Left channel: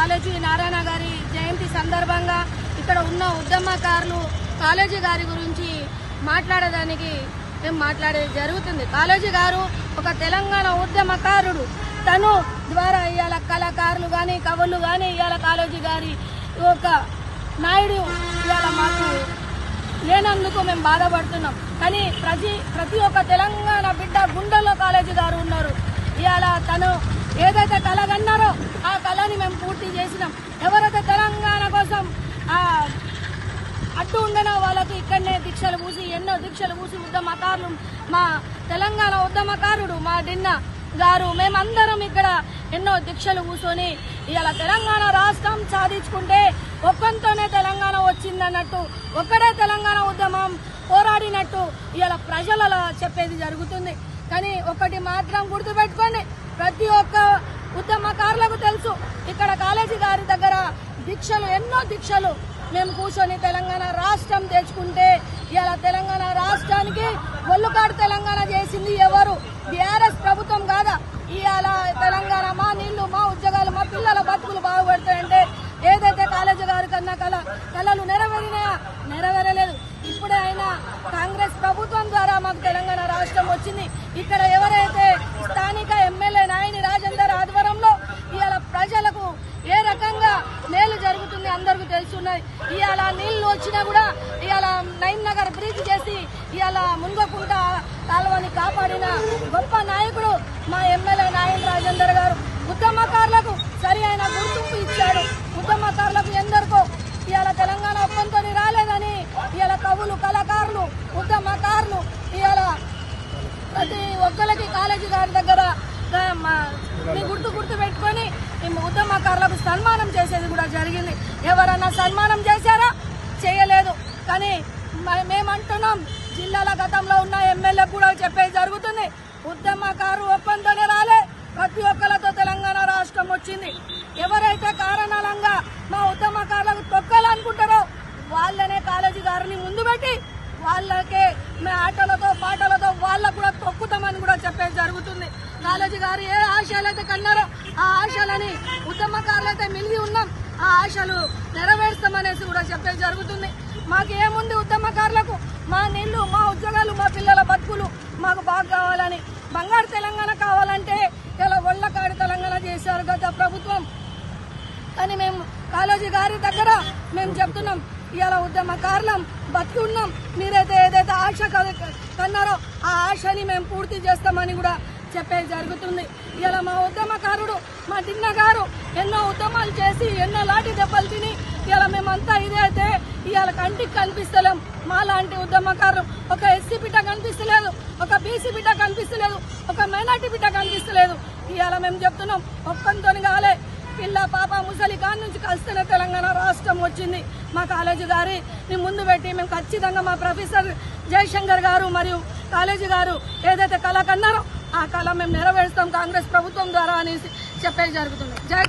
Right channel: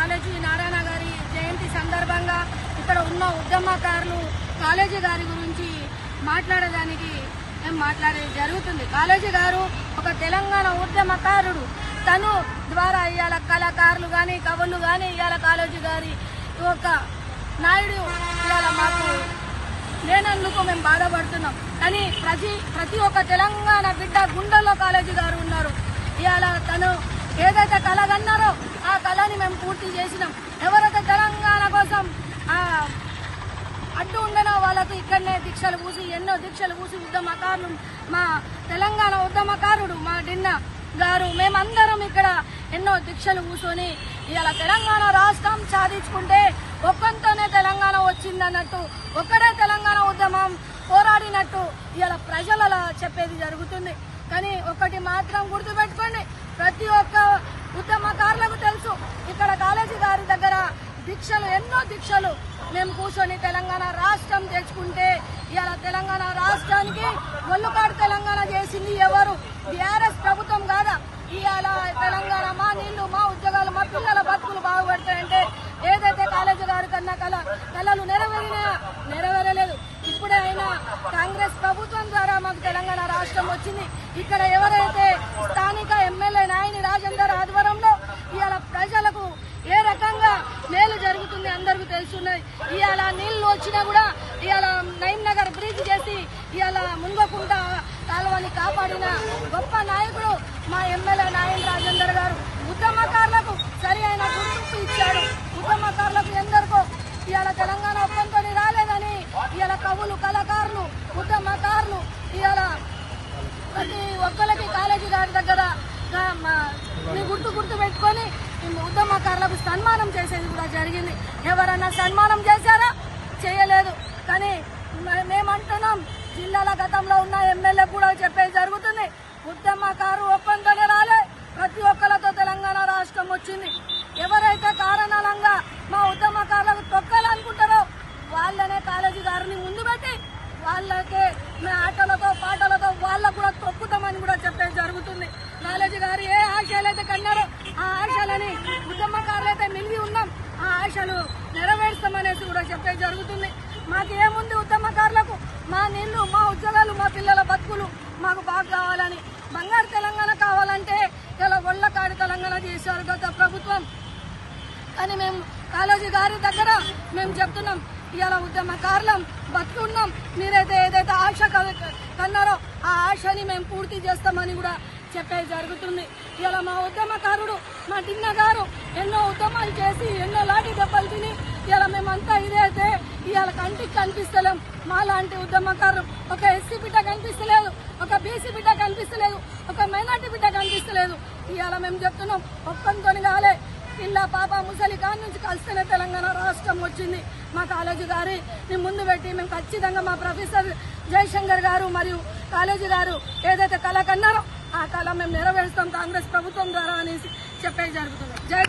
College Narayana గారి జయంతి సందర్భంగా ఇక్కడ ఉన్న ఉద్యమకారులు కాలేజీ గారి గురించి మాట్లాడేదానికి మేము మాట్లాడేది జరుగుతుంది. కాలేజీ గారు ఒక తెలంగాణ ఉద్యమకారుడు. తను ద్వారా ఇవాళ కళాకారులు గాని కవులు గాని ఇవాళ కాలేజీ గారి ఒక నాయుడు ఇవాళ మాకు లేనందుకు మేము బాధపడుతున్నాం. కానీ ప్రతి ఒక్క తెలంగాణ బిడ్డ గుండెల్లో కాలేజీ గారు ఉన్నారు. ఇవాళ తను ఏదైతే కళ అన్నారో ఆ కళని మేము పూర్తి చేసినాం. ఎవరైతే తెలంగాణ కోసం అడ్డు ఉండనో వాళ్ళకు ఇక్కడనే దీక్షలు మూసి ఎన్నో దీక్షలు మూసి ఉద్యమకారులు మా తెలంగాణ ఉద్యమకారుడు మా డిన్న గారు మేమందరం ఇక్కడ ఎన్నో దీక్షలు కూర్చొని ఇవాళ తెలంగాణ రాష్ట్రం సాధించుకుంటే ఒక్కంతోనే తెలంగాణ వచ్చిందన్నట్టు ఒక్కడే తెలంగాణ ఉద్యమం పోరాడినట్టు ఇవాళ ప్రజలలో చెప్పేది జరుగుతుంది. కానీ ఒకటి మాత్రం గుర్తుపెట్టుకోండి, ప్రతి ఒక్క ఉద్యమకారులకు తెలుసు ఇక్కడ కాలేజీ గారి దగ్గర దీక్షలు ఎన్నో దీక్షలు మేము కూర్చొని తెలంగాణ రాష్ట్రం తెచ్చుకుంటే ఇవాళ తెలంగాణ రాష్ట్రానికి ఒళ్ళుకాడు తెలంగాణ చేసింది ఎవరు? బీఆర్ఎస్ ప్రభుత్వం కాదా? ఇవాళ తెలంగాణ మా నీళ్లు మా ఉద్యోగాలు మా పిల్లల బతుకులు బాగుపడతాయంటే ఏదైతే కాలేజీ గారి కన్నా కళలు నెరవేరలేదు. ఇప్పుడు ఆయన కాంగ్రెస్ ప్రభుత్వం ద్వారా మాకు తెలంగాణ రాష్ట్రం వచ్చింది. ఇక్కడ ఎవరైతే స్థానిక ఎమ్మెల్యే నాయని రాజేందర్ ఆధ్వర్యంలో ఇవాళ ప్రజలకు ఏ రకంగా మేలు జరుగుతుంది అందరికీ తెలుసున్నాయి. ఇవాళ నీళ్లు వచ్చినా కూడా ఇవాళ నైన్ నగర్ బ్రిడ్జ్ చేసి ఇవాళ ముంగకుంట కాలువని కాపాడిన గొప్ప నాయకుడు మా ఎమ్మెల్యే నాయని రాజేందర్ గారు. ఉద్యమకారులకు సరి అయిన గుర్తింపు ఇచ్చాడు. ఉద్యమకారులకు ఎందరికో ఇవాళ తెలంగాణ ఒప్పంతో రాలేదని ఇవాళ కవులు కళాకారులు ఉద్యమకారులు ఇవాళ ప్రతి ఒక్కరికి కాలేజీ గారి దగ్గర గుర్తు పెట్టుకుని ఉద్యమకారులకు సన్మానం చేసేది కూడా జరిగింది. ఎవరన్నా సన్మానం చేశారా? చేయలేదు. కానీ మేమంటున్నాం, జిల్లాల గతంలో ఉన్న ఎమ్మెల్యే కూడా చెప్పేది జరుగుతుంది. ఉద్యమకారు ఒక్కంతోనే రాలే, ప్రతి ఒక్కరితో తెలంగాణ రాష్ట్రం వచ్చింది. ఎవరైతే కారణాలంగా మా ఉద్యమకారులకు తొక్కాలనుకుంటారో వాళ్ళనే కాలేజీ గారిని ముందు పెట్టి వాళ్ళకే మీ ఆటలతో పాటలతో వాళ్ళకు కూడా తొక్కుతామని కూడా చెప్పేది జరుగుతుంది. కాలేజీ గారు ఏ ఆశయాలైతే కన్నారో ఆ ఆశలని ఉద్యమకారులైతే మిలిగి ఉన్నాం, ఆ ఆశలు నెరవేర్స్తామనేసి కూడా చెప్పేది జరుగుతుంది. మాకేముంది ఉద్యమకారులకు మా నీళ్లు మా ఉద్యోగాలు మా పిల్లల బతుకులు మాకు బాగా కావాలని, బంగారు తెలంగాణ కావాలంటే ఇలా ఒళ్ళకాడి తెలంగాణ చేశారు గత ప్రభుత్వం. కానీ మేము కాలేజీ గారి దగ్గర మేము చెప్తున్నాం, ఇవాళ ఉద్యమకారులం బతుకున్నాం. మీరైతే ఏదైతే ఆశ కన్నారో ఆ ఆశని మేము పూర్తి చేస్తామని కూడా చెప్పేది జరుగుతుంది. ఇవాళ మా ఉద్యమకారుడు మా దిన్న గారు ఎన్నో ఉద్యమాలు చేసి ఎన్నో లాంటి దెబ్బలు తిని ఇవాళ మేమంతా ఇదైతే ఇవాళ కంటికి కనిపిస్తలేం. మా లాంటి ఉద్యమకారులు ఒక ఎస్సీ బిడ్డ కనిపిస్తలేదు, ఒక బీసీ బిడ్డ కనిపిస్తలేదు, ఒక మైనార్టీ బిడ్డ కనిపిస్తలేదు. ఇవాళ మేము చెప్తున్నాం, ఒక్కంతో కాలే పిల్ల పాప ముసలి కాని నుంచి కలిస్తేనే తెలంగాణ రాష్ట్రం వచ్చింది. మా కాలేజీ గారిని ముందు పెట్టి మేము ఖచ్చితంగా మా ప్రొఫెసర్ జయశంకర్ గారు మరియు కాలేజీ గారు ఏదైతే కళ కన్నారో ఆ కళ మేము నెరవేరుస్తాం కాంగ్రెస్ ప్రభుత్వం ద్వారా అనేసి చెప్పేది జరుగుతుంది. జై